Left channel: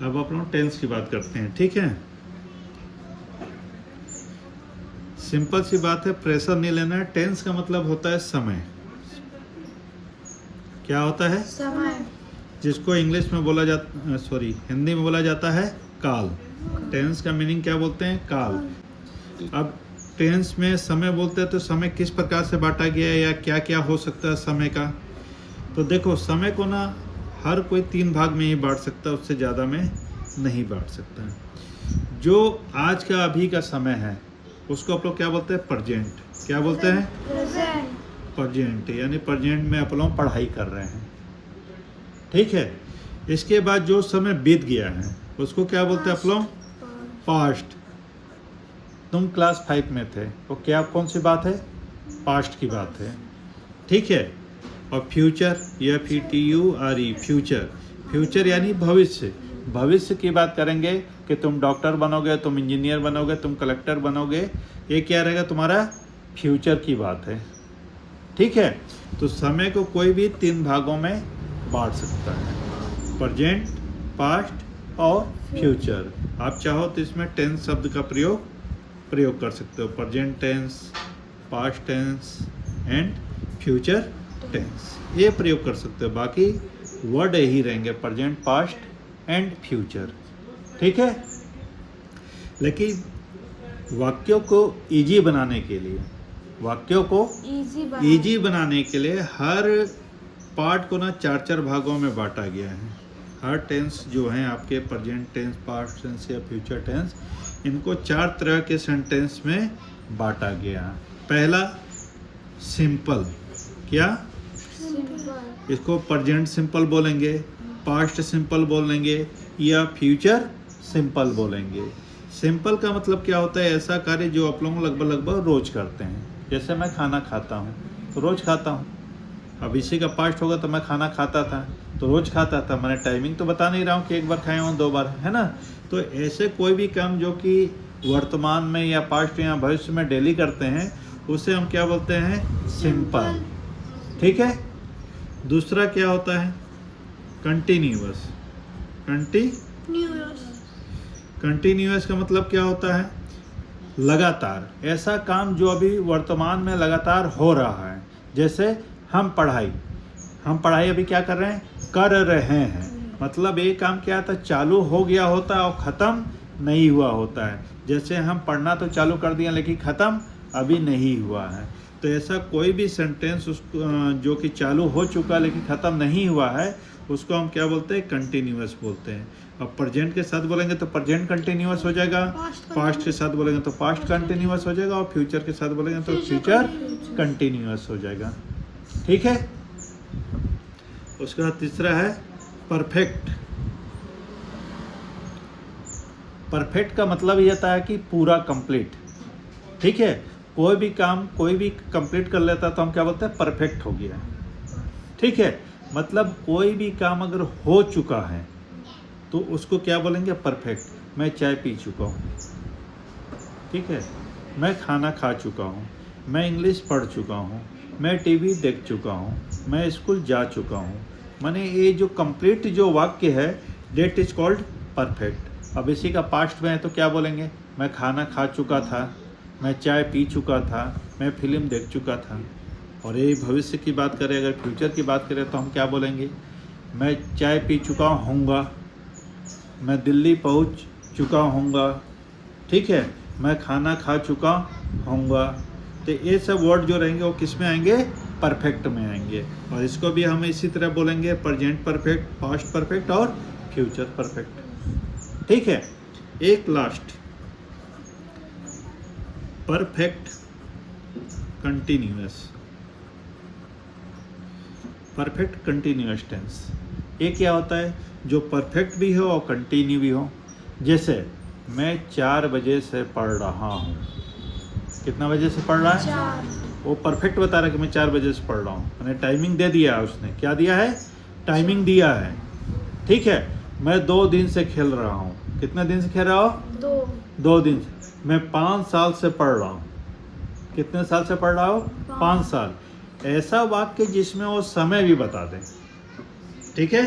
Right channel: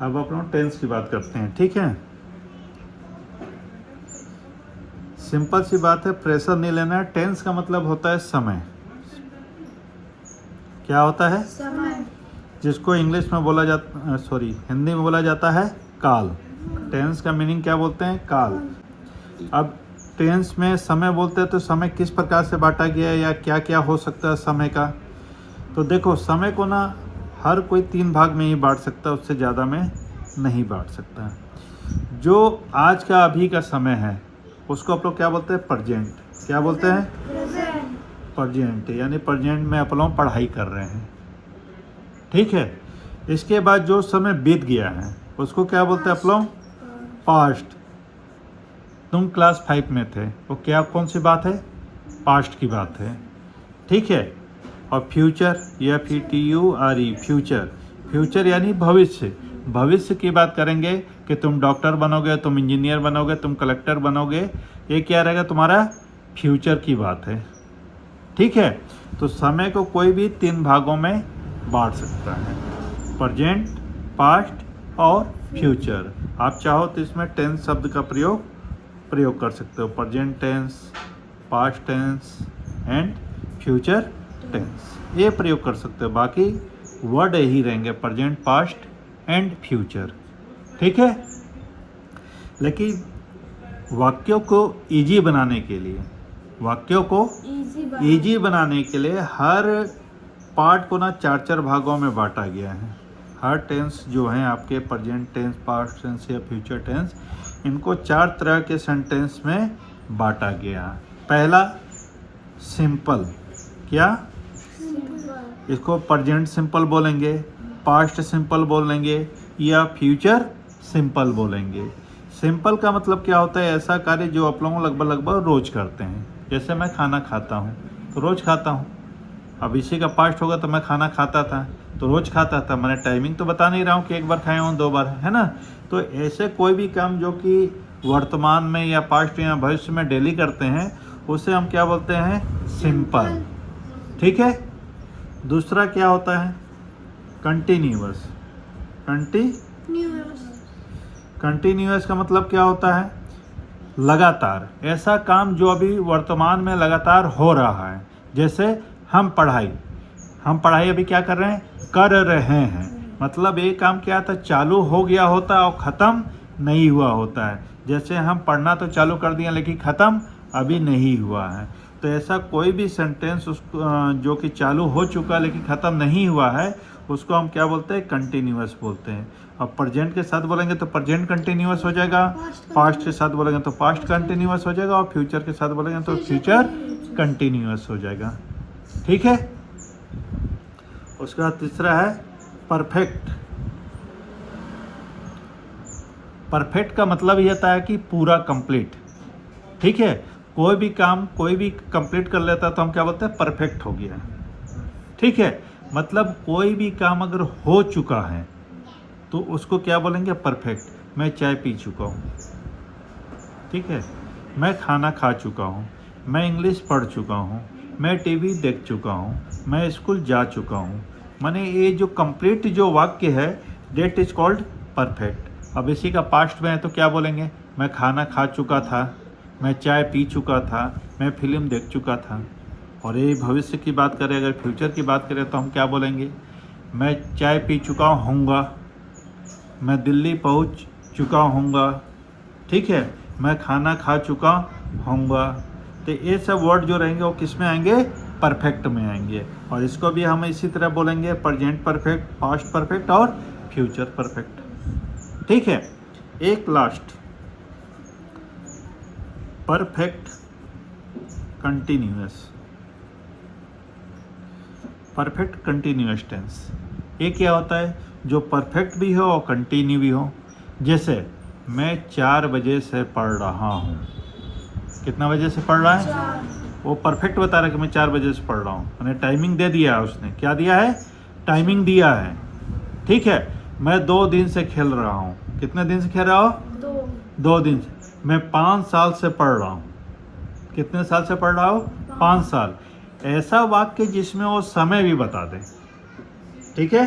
अब अपन टेंस की बात करते हैं, ठीक है। सिंपल सी बात है, प्रेशर नहीं लेना है। टेंस का मतलब होता है समय। क्या होता है? समय। जिसको इंग्लिश में बोला जाता, सॉरी, हिंदी में बोला जाता है काल। टेंस का मीनिंग क्या बोलते हैं? काल। अब टेंस में समय बोलते हैं तो समय किस प्रकार से बांटा गया है या क्या क्या हो सकता है समय का? तो देखो, समय को ना हर कोई 3 भाग में ही बांट सकता है, उससे ज़्यादा में नहीं बांट सकता। जो आज का अभी का समय है उसको आप लोग क्या बोलते हैं? प्रेजेंट। क्या बोलते हैं? प्रेजेंट। प्रेजेंट, यानी प्रेजेंट में आप लोग पढ़ाई कर रहे हैं, ठीक है। इसके बाद जो समय बीत गया है उसको क्या बोलते हैं आप लोग? पास्ट। तुम क्लास 5 में थे, वो क्या कौन सी बात है? पास्ट की बात है, ठीक है। और फ्यूचर, या FUTURE, फ्यूचर। फ्यूचर यानी भविष्य। भविष्य की बात करेंगे कि तुम डॉक्टर बनोगे, तुम इंजीनियर बनोगे, तुम कलेक्टर बनोगे, ये क्या रहेगा? तुम्हारा फ्यूचर की बात है, ठीक है। तो समय को कोई भी 3 भागों में बांट सकता है, प्रेजेंट, पास्ट और फ्यूचर। आप चाहो तो इसमें टेंस शब्द का प्रयोग कर सकते हो, present tense, past tense and future tense, ये प्रयोग कर सकते हो। बाकी वर्ड यही रहेंगे, प्रेजेंट, पास्ट एंड फ्यूचर, ठीक है। लेकिन वाक्यों को इजी बनाने के लिए, वाक्यों को इजी बनाने के लिए हर पार्ट को ना 4-4 भागों में बांटा गया है। हर टेंस जो है आपके, प्रेजेंट टेंस, पास्ट टेंस या फ्यूचर टेंस, इनको 4 तरह के सेंटेंस में बांटा गया। पहला सिंपल। क्या? सिंपल। इसको प्रेजेंट सिंपल बोलेंगे, पास्ट सिंपल बोलेंगे या फ्यूचर सिंपल बोलेंगे। सिंपल का मतलब क्या होता है? ऐसा कार्य जो आप लोग लगभग रोज करते हैं। जैसे मैं खाना खाता हूँ तो रोज खाता हूँ। अब इसी का पास्ट होगा तो मैं खाना खाता था तो रोज खाता था। मैंने टाइमिंग तो बता नहीं रहा हूँ कि 1 बार खाया हूँ 2 बार, है ना। तो ऐसे कोई भी काम जो कि वर्तमान में या पास्ट या भविष्य में डेली करते हैं उसे हम क्या बोलते हैं? सिंपल, ठीक है। दूसरा क्या होता है? कंटिन्यूअस। कंटिन्यूअस का मतलब क्या होता है? लगातार। ऐसा काम जो अभी वर्तमान में लगातार हो रहा है। जैसे हम पढ़ाई अभी क्या कर रहे हैं? कर रहे हैं। मतलब ये काम क्या था? चालू हो गया होता है और ख़त्म नहीं हुआ होता है। जैसे हम पढ़ना तो चालू कर दिया लेकिन ख़त्म अभी नहीं हुआ है। तो ऐसा कोई भी सेंटेंस जो कि चालू हो चुका है लेकिन ख़त्म नहीं हुआ है उसको हम क्या बोलते हैं? कंटिन्यूअस बोलते हैं। अब प्रेजेंट के साथ बोलेंगे तो प्रेजेंट कंटिन्यूअस हो जाएगा, पास्ट के साथ बोलेंगे तो पास्ट कंटिन्यूअस हो जाएगा और फ्यूचर के साथ बोलेंगे तो फ्यूचर कंटिन्यूअस हो जाएगा, ठीक है। उसके बाद तीसरा है परफेक्ट। परफेक्ट का मतलब ये होता है कि पूरा कंप्लीट, ठीक है। कोई भी काम कोई भी कंप्लीट कर लेता है तो हम क्या बोलते हैं? परफेक्ट हो गया, ठीक है। मतलब कोई भी काम अगर हो चुका है तो उसको क्या बोलेंगे? परफेक्ट। मैं चाय पी चुका हूँ, ठीक है। मैं खाना खा चुका हूँ, मैं इंग्लिश पढ़ चुका हूँ, मैं टीवी देख चुका हूँ, मैं स्कूल जा चुका हूँ। माने ये जो कंप्लीट जो वाक्य है डेट इज कॉल्ड परफेक्ट। अब इसी का पास्ट में है तो क्या बोलेंगे? मैं खाना खा चुका था, मैं चाय पी चुका था, मैं फिल्म देख चुका था। और ये भविष्य की बात करें, अगर फ्यूचर की बात करें तो हम क्या बोलेंगे? मैं चाय पी चुका हूँगा, मैं दिल्ली पहुँच चुका हूँगा, ठीक है। मैं खाना खा चुका हूँगा। तो ये सब वर्ड जो रहेंगे वो किस में आएंगे? परफेक्ट में आएंगे। और इसको भी हम इसी तरह बोलेंगे, प्रेजेंट परफेक्ट, पास्ट परफेक्ट और फ्यूचर परफेक्ट, ठीक है। एक last, perfect continuous. Perfect continuous tense ये क्या होता है? जो परफेक्ट भी हो और कंटिन्यू भी हो। जैसे मैं 4 बजे से पढ़ रहा हूँ। कितना बजे से पढ़ रहा है? वो परफेक्ट बता रहा है कि मैं 4 बजे से पढ़ रहा हूँ। मैंने टाइमिंग दे दिया है, उसने क्या दिया है? टाइमिंग दिया है, ठीक है। मैं 2 दिन से खेल रहा हूँ। कितने दिन से खेल रहा हूँ? 2 दिन से। मैं 5 साल से पढ़ रहा हूँ। कितने साल से पढ़ रहा हूँ? 5 साल। ऐसा वाक्य जिसमें वो समय भी बता दे, ठीक है।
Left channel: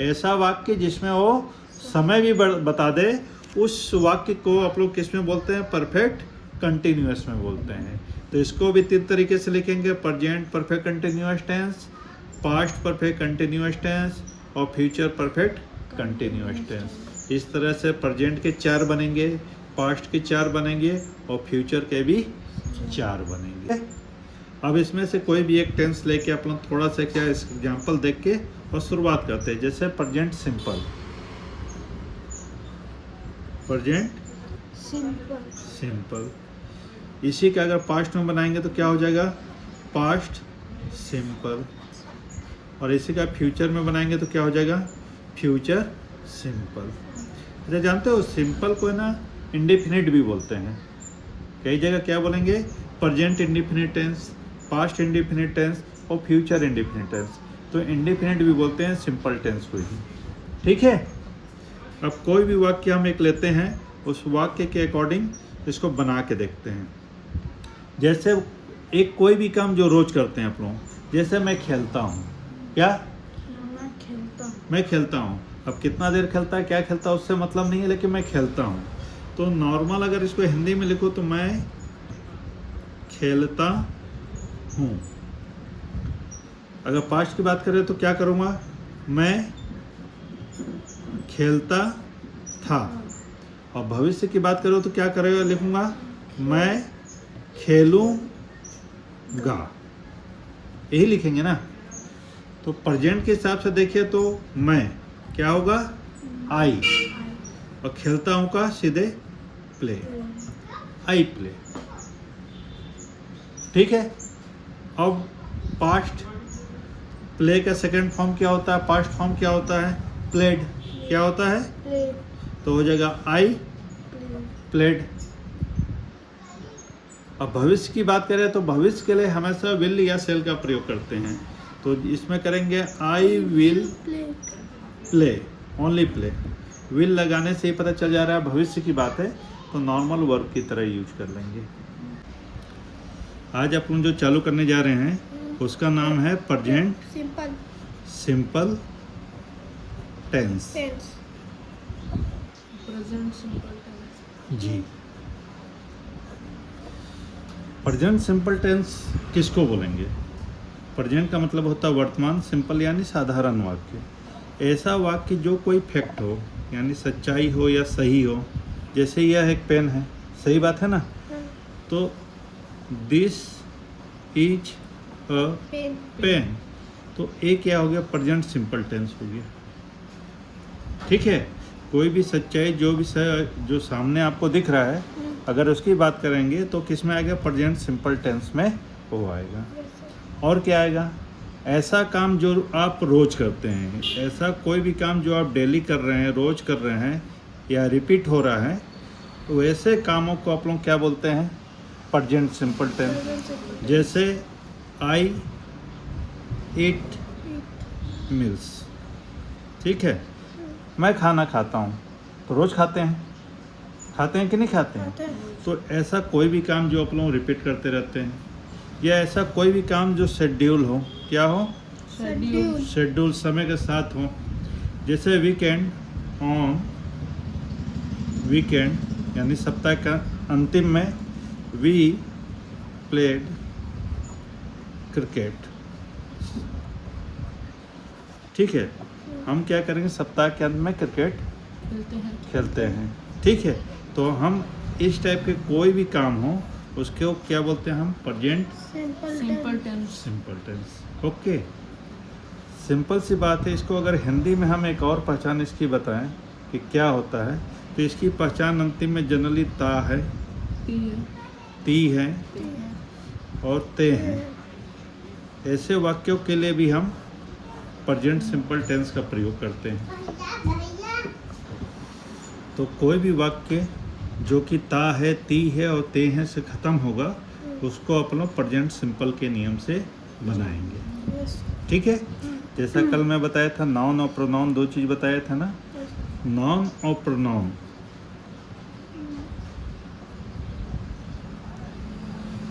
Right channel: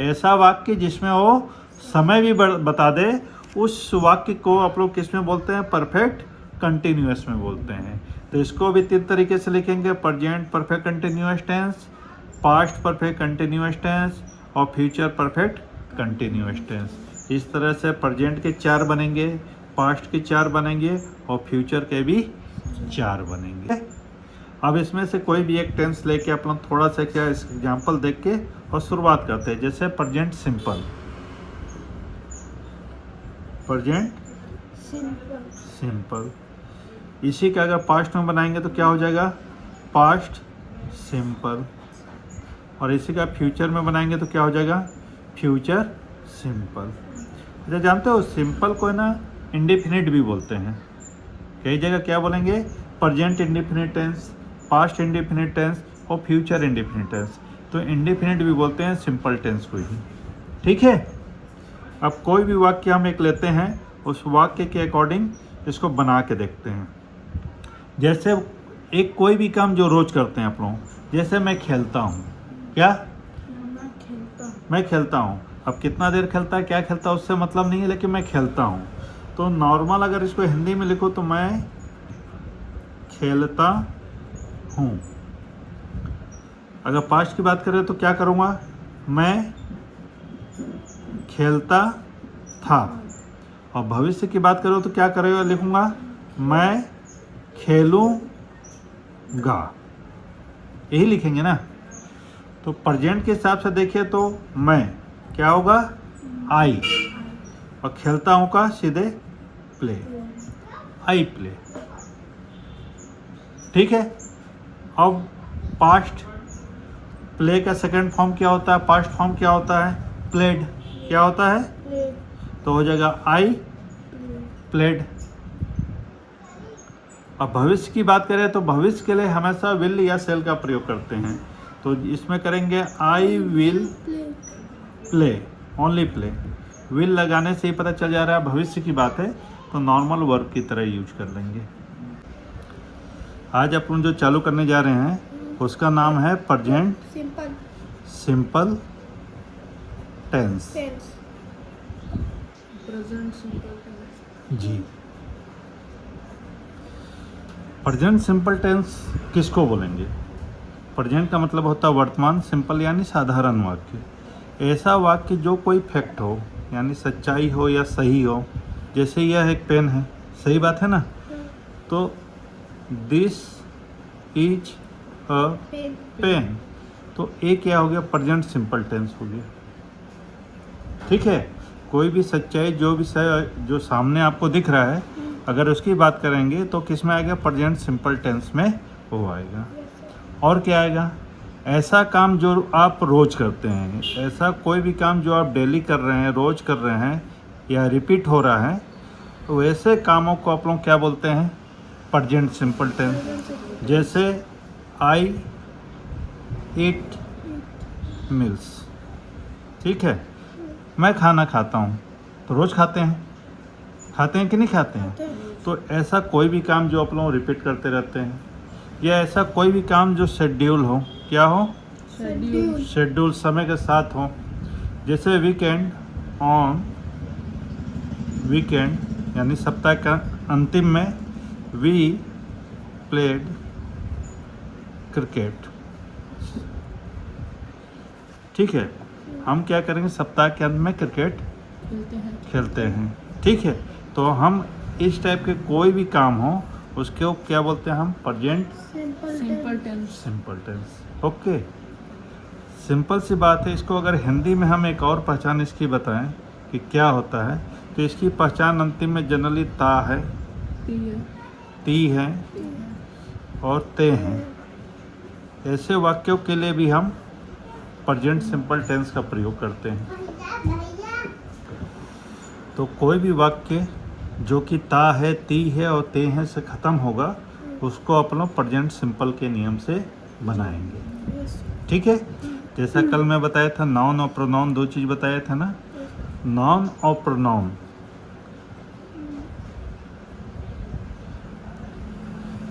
ऐसा वाक्य जिसमें वो समय भी बता दे, उस वाक्य को आप लोग किस में बोलते हैं? परफेक्ट कंटिन्यूअस में बोलते हैं। तो इसको भी 3 तरीके से लिखेंगे, present perfect continuous tense, past perfect continuous tense और फ्यूचर परफेक्ट कंटिन्यूअस टेंस। इस तरह से प्रेजेंट के 4 बनेंगे, पास्ट के 4 बनेंगे और फ्यूचर के भी 4 बनेंगे। अब इसमें से कोई भी एक टेंस लेके अपन थोड़ा सा क्या एग्जाम्पल देख के और शुरुआत करते हैं। जैसे present simple, present simple, simple. इसी का अगर पास्ट में बनाएंगे तो क्या हो जाएगा? Past simple. और इसी का फ्यूचर में बनाएंगे तो क्या हो जाएगा? Future simple. अच्छा, जानते हो सिंपल को है ना इंडेफिनिट भी बोलते हैं। कई जगह क्या बोलेंगे? Present indefinite tense, past indefinite tense और फ्यूचर इंडेफिनिट टेंस। तो इंडेफिनिट भी बोलते हैं सिंपल टेंस को ही। ठीक है। अब कोई भी वाक्य हम एक लेते हैं, उस वाक्य के अकॉर्डिंग इसको बना के देखते हैं। जैसे एक कोई भी काम जो रोज करते हैं आप लोग, जैसे मैं खेलता हूँ। क्या? मैं खेलता हूँ। मैं खेलता हूँ। अब कितना देर खेलता है, क्या खेलता है, उससे मतलब नहीं है, लेकिन मैं खेलता हूँ। तो नॉर्मल अगर इसको हिंदी में लिखो तो मैं खेलता हूँ। अगर पास्ट की बात करें तो क्या करूँगा? मैं खेलता था। और भविष्य की बात करो तो क्या करेगा? लिखूंगा मैं खेलूंगा। यही लिखेंगे ना। तो प्रेजेंट के हिसाब से देखिए तो मैं क्या होगा? आई। और खेलता हूं का सीधे प्ले, आई प्ले। ठीक है। अब पास्ट प्ले का सेकंड फॉर्म क्या होता है? पास्ट फॉर्म क्या होता है? प्लेड। क्या होता है? प्ले, तो हो जाएगा आई प्लेड। अब भविष्य की बात करें तो भविष्य के लिए हमेशा विल या सेल का प्रयोग करते हैं। तो इसमें करेंगे I will play, play, only play. Will लगाने से ही पता चल जा रहा है भविष्य की बात है, तो नॉर्मल वर्ब की तरह यूज कर लेंगे। आज अपन जो चालू करने जा रहे हैं उसका नाम है present simple simple tense. Tense. Present simple tense. जी। प्रेजेंट सिंपल टेंस किसको बोलेंगे? प्रेजेंट का मतलब होता है वर्तमान, सिंपल यानी साधारण वाक्य। ऐसा वाक्य जो कोई फैक्ट हो, यानी सच्चाई हो या सही हो। जैसे यह एक पेन है, सही बात है ना। तो this is a pen, pen. तो ये क्या हो गया? प्रेजेंट सिंपल टेंस हो गया। ठीक है। कोई भी सच्चाई जो सामने आपको दिख रहा है, अगर उसकी बात करेंगे तो किस में आएगा? प्रेजेंट सिंपल टेंस में वो आएगा। और क्या आएगा? ऐसा काम जो आप रोज करते हैं, ऐसा कोई भी काम जो आप डेली कर रहे हैं, रोज कर रहे हैं या रिपीट हो रहा है, तो वैसे कामों को आप लोग क्या बोलते हैं? Present simple tense. जैसे आई ईट मील्स। ठीक है। मैं खाना खाता हूँ। तो रोज खाते हैं कि नहीं खाते हैं? तो ऐसा कोई भी काम जो आप लोग रिपीट करते रहते हैं, या ऐसा कोई भी काम जो शेड्यूल हो। क्या हो? शेड्यूल, शेड्यूल, समय के साथ हो। जैसे वीकेंड, ऑन वीकेंड यानी सप्ताह का अंतिम में वी प्लेड क्रिकेट। ठीक है। हम क्या करेंगे? सप्ताह के अंत में क्रिकेट खेलते हैं। ठीक है। तो हम इस टाइप के कोई भी काम हो उसको क्या बोलते हैं? हम present simple tense. Simple tense. Okay. Simple सी बात है। इसको अगर हिंदी में हम एक और पहचान इसकी बताएं कि क्या होता है, तो इसकी पहचान अंतिम में जनरली ता है, ती है और ते हैं। ऐसे वाक्यों के लिए भी हम प्रेजेंट सिंपल टेंस का प्रयोग करते हैं। तो कोई भी वाक्य जो कि ता है, ती है और ते हैं से ख़त्म होगा, उसको अपन लोग प्रेजेंट सिंपल के नियम से बनाएंगे। ठीक है। जैसा कल मैं बताया था, नाउन और प्रोनाउन 2 चीज़ बताया था ना। नाउन और प्रोनाउन,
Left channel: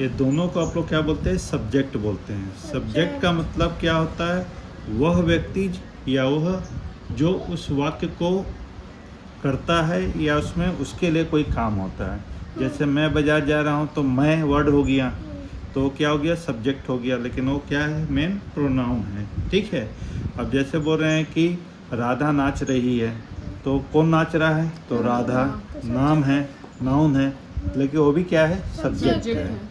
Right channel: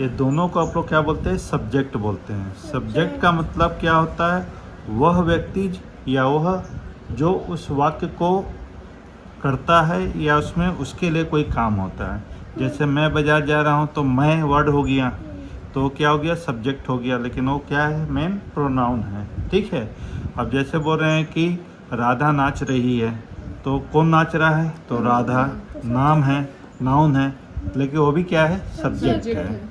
ये दोनों को आप लोग क्या बोलते हैं? सब्जेक्ट बोलते हैं। सब्जेक्ट का मतलब क्या होता है? वह व्यक्ति या वह जो उस वाक्य को करता है या उसमें उसके लिए कोई काम होता है। जैसे मैं बाजार जा रहा हूँ तो मैं वर्ड हो गया, तो क्या हो गया, सब्जेक्ट हो गया, लेकिन वो क्या है, मेन प्रोनाउन है। ठीक है। अब जैसे बोल रहे हैं कि राधा नाच रही है, तो कौन नाच रहा है, तो राधा नाम है, नाउन है, लेकिन वो भी क्या है, सब्जेक्ट सब्जेक्ट है। है।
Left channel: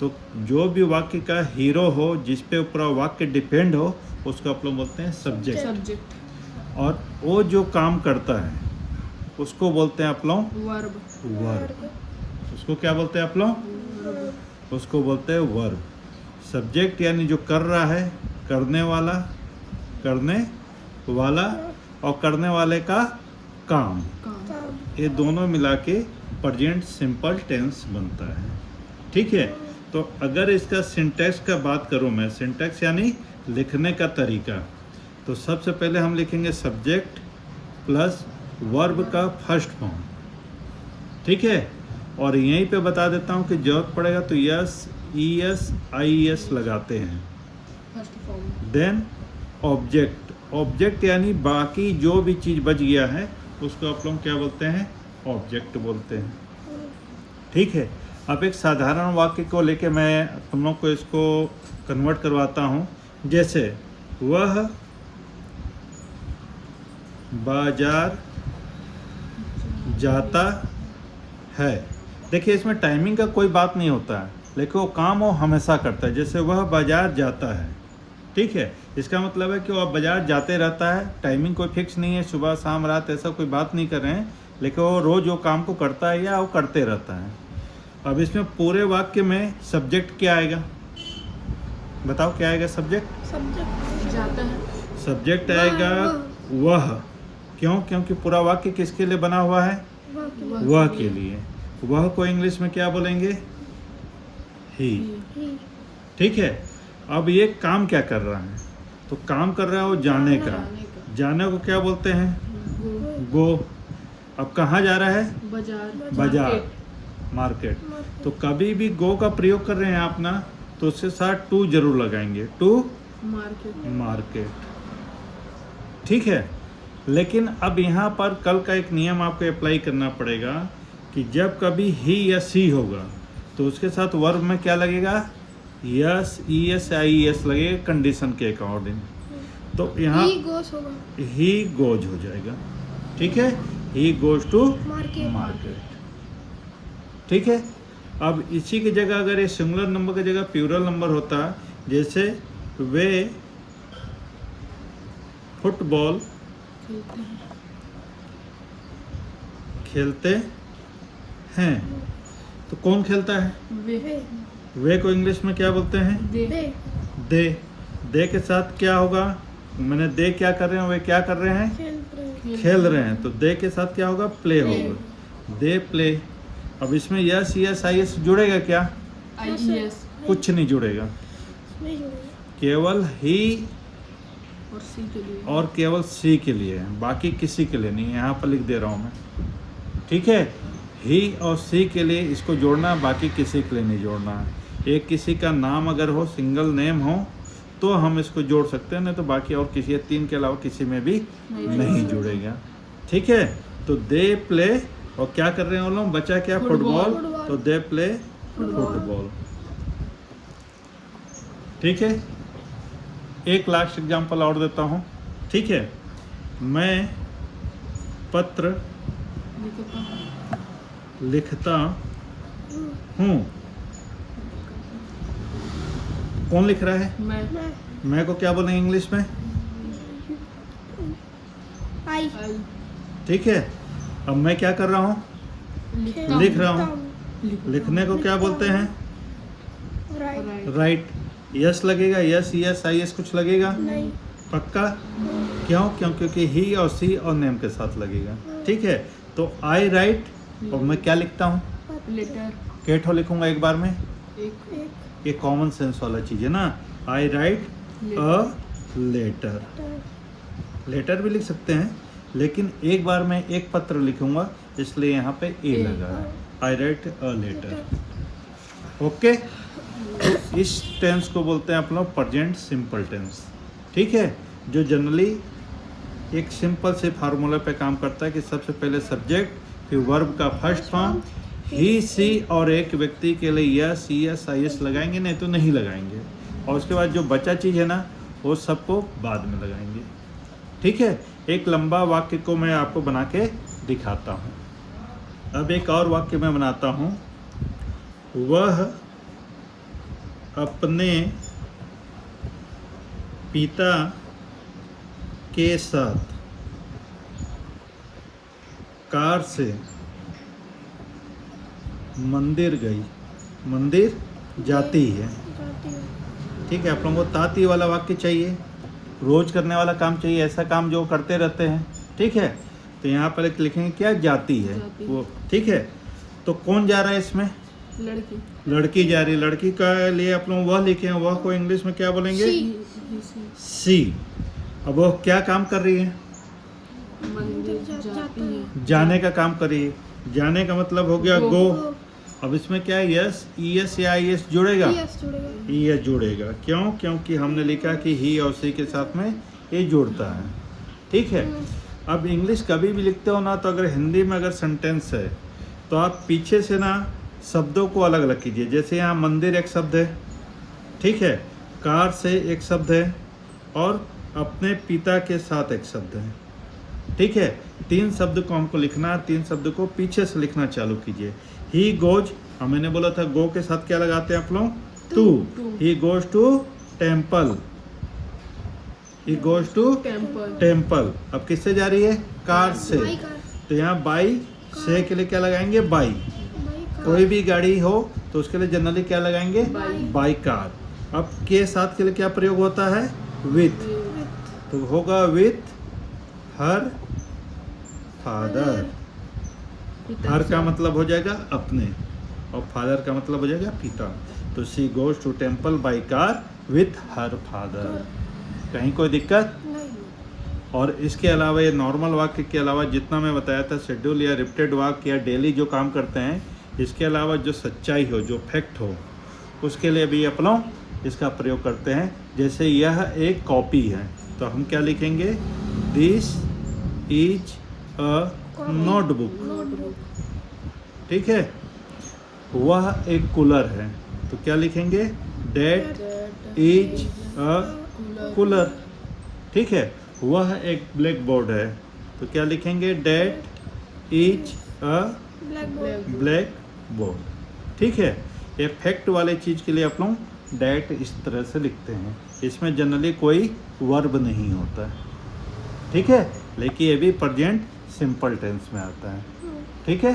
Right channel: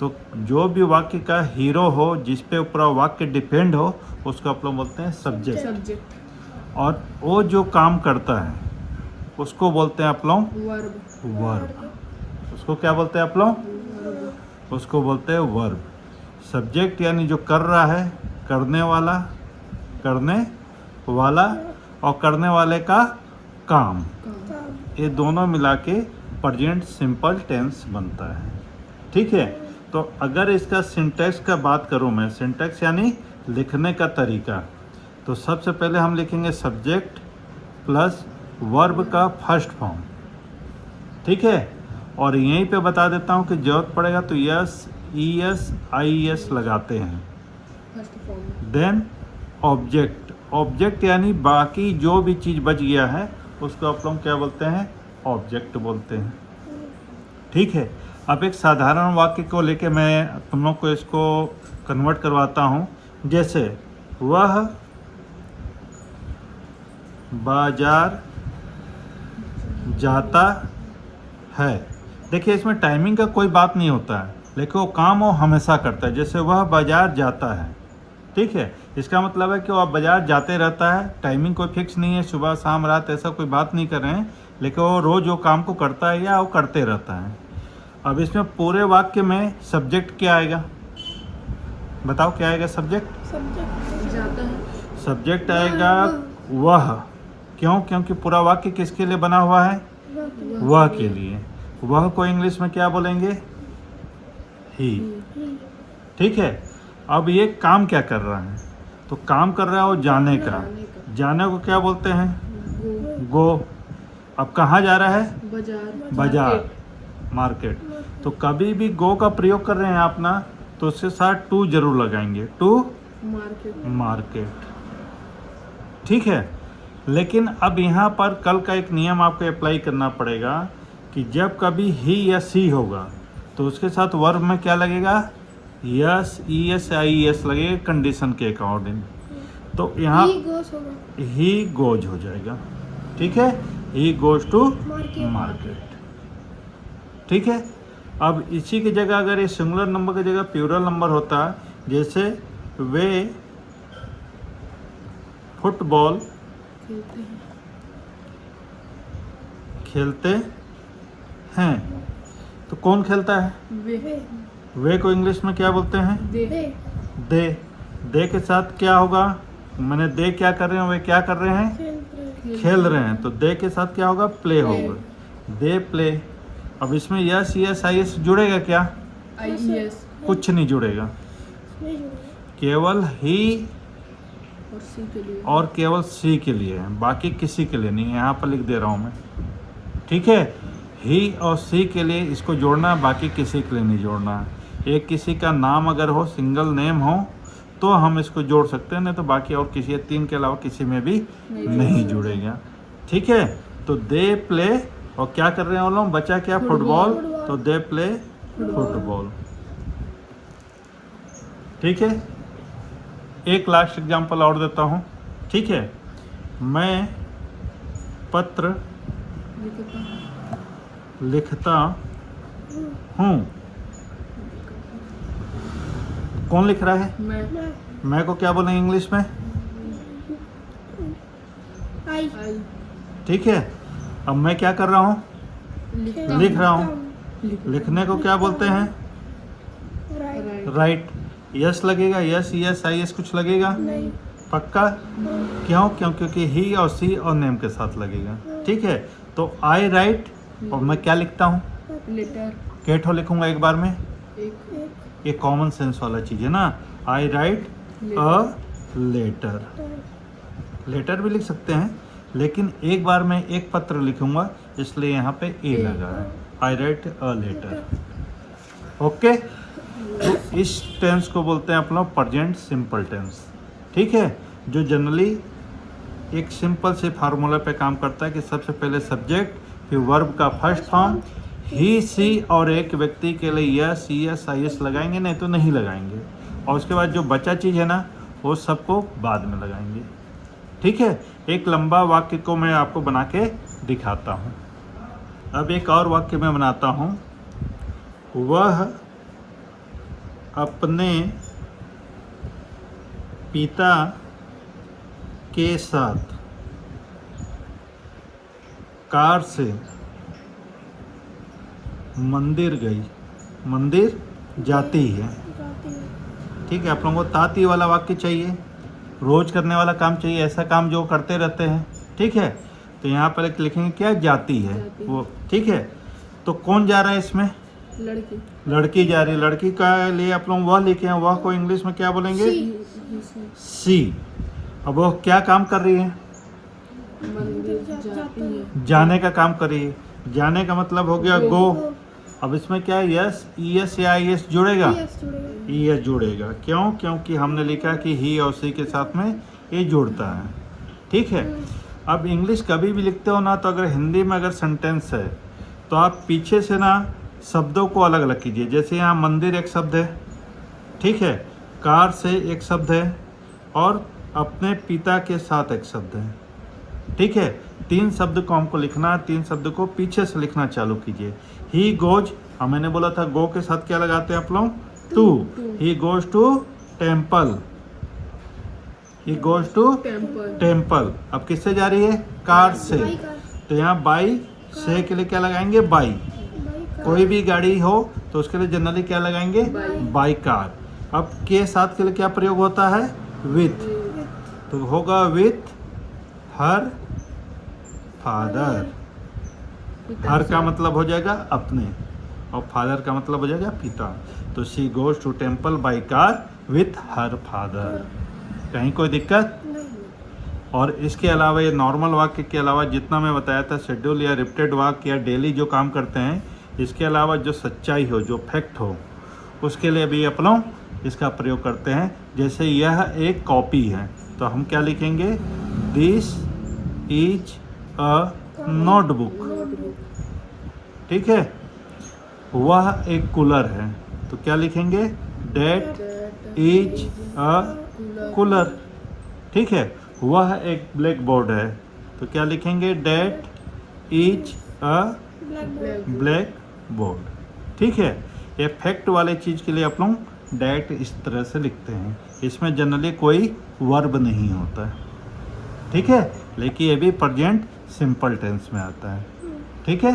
तो जो भी वाक्य का हीरो हो, जिस पे पूरा वाक्य डिपेंड हो, उसको आप लोग बोलते हैं सब्जेक्ट। सब्जेक्ट। और वो जो काम करता है उसको बोलते हैं आप लोग वर्ब। वर्ब। उसको क्या बोलते हैं आप लोग, वर्ब। उसको बोलते हैं वर्ब। सब्जेक्ट यानी जो कर रहा है, करने वाला, करने वाला और करने वाले का काम, काम। ये दोनों मिला के प्रेजेंट सिंपल टेंस बनता है। ठीक है। तो अगर इसका सिंटैक्स का बात करूं मैं, सिंटैक्स यानी लिखने का तरीका, तो सबसे पहले हम लिखेंगे सब्जेक्ट प्लस वर्ब का फर्स्ट फॉर्म। ठीक है। और यहीं पे बता देता हूं कि जरूरत पड़ेगा तो yes, E S, I S लगाते हैं। First form. Then object. Object यानी बाकी जो भी चीज़ बच गया है उसको आप लोग क्या बोलते हैं, ऑब्जेक्ट बोलते हैं। ठीक है। अब एक साधारण वाक्य को लेके मैं तुम लोग को इसको कन्वर्ट करवाता हूँ। जैसे वह बाजार जाता है। देखिए इसमें टाइमिंग का कोई बात नहीं होता है, लेकिन वो काम वो हमेशा करता है। जैसे वह बाजार जाता है, ठीक है, इसका मतलब है कि वो बाजार जाते रहता है। टाइमिंग कोई फिक्स नहीं है, सुबह शाम रात ऐसा कोई बात नहीं कर रहे हैं, लेकिन वो रोज वो काम को करता है या वो करते रहता है। अब इसमें पूरे वाक्य में सब्जेक्ट क्या आएगा, बताओ क्या आएगा सब्जेक्ट? सब्जेक्ट जाता है। सब्जेक्ट आएगा वह। क्यों? क्योंकि पूरा वाक्य किसके लिए बना हुआ है, वह के लिए। वह को इंग्लिश में क्या बोलेंगे, ही। ठीक है। अब ये काम क्या कर रहा है, तो काम कर रहा है वो जाने का। जाने का। जाने को क्या बोलते हैं, गो। गो। अब कहाँ जा रहा है, बाजार। बाजार, मार्केट। तो कभी भी गो का प्रयोग कर रहे हैं आप ना, तो उसके साथ टू जरूर लगाएंगे, टू मार्केट। मार्केट। ठीक है। लेकिन अब यहाँ पर कल का एक नियम आपको अप्लाई करना पड़ेगा कि जब कभी ही या सी होगा तो उसके साथ वर्ब में क्या लगेगा, yes, E S, I S लगेगा कंडीशन के अकॉर्डिंग। तो यहाँ गोस होगा ही गोज हो जाएगा। ठीक है। He goes to market. Market. ठीक है। अब इसी की जगह अगर ये सिंगुलर नंबर की जगह प्लूरल नंबर होता, जैसे वे फुटबॉल खेलते हैं। खेलते हैं, तो कौन खेलता है, वे। वे को इंग्लिश में क्या बोलते हैं, दे। दे। दे के साथ क्या होगा, मैंने दे क्या कर रहे हैं, वे क्या कर रहे हैं, खेल रहे हैं, तो दे के साथ क्या होगा, प्ले होगा, दे प्ले। अब इसमें यस, यस, आई एस जुड़ेगा क्या, IES कुछ नहीं जुड़ेगा, केवल ही और सी के लिए। और केवल सी के लिए है, बाकी किसी के लिए नहीं। यहाँ पर लिख दे रहा हूँ मैं। ठीक है। ही और सी के लिए इसको जोड़ना है, बाकी किसी के लिए नहीं जोड़ना है। एक किसी का नाम अगर हो, सिंगल नेम हो, तो हम इसको जोड़ सकते हैं, नहीं तो बाकी और किसी तीन के अलावा किसी में भी नहीं जुड़ेगा। ठीक है। तो दे प्ले, और क्या कर रहे हैं वो लोग, बचा क्या, फुटबॉल, तो दे प्ले फुटबॉल। ठीक है। एक लास्ट एग्जांपल और देता हूँ। ठीक है। मैं पत्र लिखता हूँ। लिखता हूँ। कौन लिख रहा है, मैं को क्या बोलेंगे इंग्लिश में, आई आई। ठीक है। अब मैं क्या कर रहा हूँ, लिखता लिख हूँ। रहा हूँ। लिखने को क्या बोलते हैं, राइट। राइट। यस लगेगा, यस, यस, आई एस कुछ लगेगा, नहीं पक्का? क्यों? क्योंकि ही और सी और नेम के साथ लगेगा। ठीक है। तो आई राइट, और मैं क्या लिखता हूँ, लेटर। केठो लिखूंगा एक बार में। एक ये कॉमन सेंस वाला चीज है ना, आई राइट अ लेटर। लेटर भी लिख सकते हैं, लेकिन एक बार में एक पत्र लिखूंगा, इसलिए यहाँ पे ए लगा, आई राइट अ लेटर। ओके। इस टेंस को बोलते हैं अपना प्रेजेंट सिंपल टेंस। ठीक है। जो जनरली एक सिंपल से फार्मूला पे काम करता है कि सबसे पहले सब्जेक्ट, फिर वर्ब का फर्स्ट फॉर्म, ही सी, और एक व्यक्ति के लिए यस यस आई एस लगाएंगे, नहीं तो नहीं लगाएंगे, और उसके बाद जो बचा चीज़ है ना वो सबको बाद में लगाएंगे। ठीक है, एक लंबा वाक्य को मैं आपको बना के दिखाता हूँ। अब एक और वाक्य मैं बनाता हूँ। वह अपने पिता के साथ कार से मंदिर गई, मंदिर जाती है। जाती है। ठीक है, आप लोगों को ताती वाला वाक्य चाहिए, रोज करने वाला काम चाहिए, ऐसा काम जो करते रहते हैं। ठीक है, तो यहाँ पर लिखेंगे क्या, जाती है जाती। वो। ठीक है, तो कौन जा रहा है इसमें, लड़की, लड़की जा रही है। लड़की का लिए आप लोग वह लिखे हैं, वह को इंग्लिश में क्या बोलेंगे, सी। सी। अब वो क्या काम कर रही है, मंदिर जाती है। जाने का काम कर रही है। जाने का मतलब हो गया गो। गो। अब इसमें क्या है, यस ई एस या आई एस जुड़ेगा, यस जुड़ेगा। ई एस जुड़ेगा। क्यों, क्योंकि हमने लिखा कि ही और सी के साथ में ये जुड़ता है। ठीक है, अब इंग्लिश कभी भी लिखते हो ना, तो अगर हिंदी में अगर सेंटेंस है तो आप पीछे से ना शब्दों को अलग अलग कीजिए। जैसे यहाँ मंदिर एक शब्द है, ठीक है, कार से एक शब्द है, और अपने पिता के साथ एक शब्द है। ठीक है, 3 शब्द को हमको लिखना है, 3 शब्द को पीछे से लिखना चालू कीजिए। ही गोज, मैंने बोला था गो के साथ क्या लगाते हैं आप लोग, to. He goes to temple, he goes to temple, temple. अब किससे जा रही है, कार से। By car. तो यहाँ बाई से के लिए क्या लगाएंगे, बाई। By car. कोई भी गाड़ी हो तो उसके लिए जनरली क्या लगाएंगे, बाई। By car. अब के साथ के लिए क्या प्रयोग होता है, विथ। तो होगा विथ हर फादर। पिता हर से। का मतलब हो जाएगा अपने, और फादर का मतलब हो जाएगा पिता। तो she goes to temple by car with her father. कहीं कोई दिक्कत? नहीं। और इसके अलावा ये नॉर्मल वाक्य के अलावा जितना मैं बताया था, शेड्यूल या रिपीटेड वाक्य या डेली जो काम करते हैं, इसके अलावा जो सच्चाई हो, जो फैक्ट हो, उसके लिए भी अपन लोग इसका प्रयोग करते हैं। जैसे यह एक कॉपी है, तो हम क्या लिखेंगे, this is a notebook. Notebook, ठीक है, वह एक कूलर है, तो क्या लिखेंगे, that that is a cooler, cooler. ठीक है, वह एक ब्लैक बोर्ड है, तो क्या लिखेंगे, that is a black board. Black board. ठीक है, ये फैक्ट वाले चीज के लिए आप लोग डेट इस तरह से लिखते हैं। इसमें जनरली कोई वर्ब नहीं होता है। ठीक है, लेकिन ये भी प्रेजेंट सिंपल टेंस में आता है। ठीक है।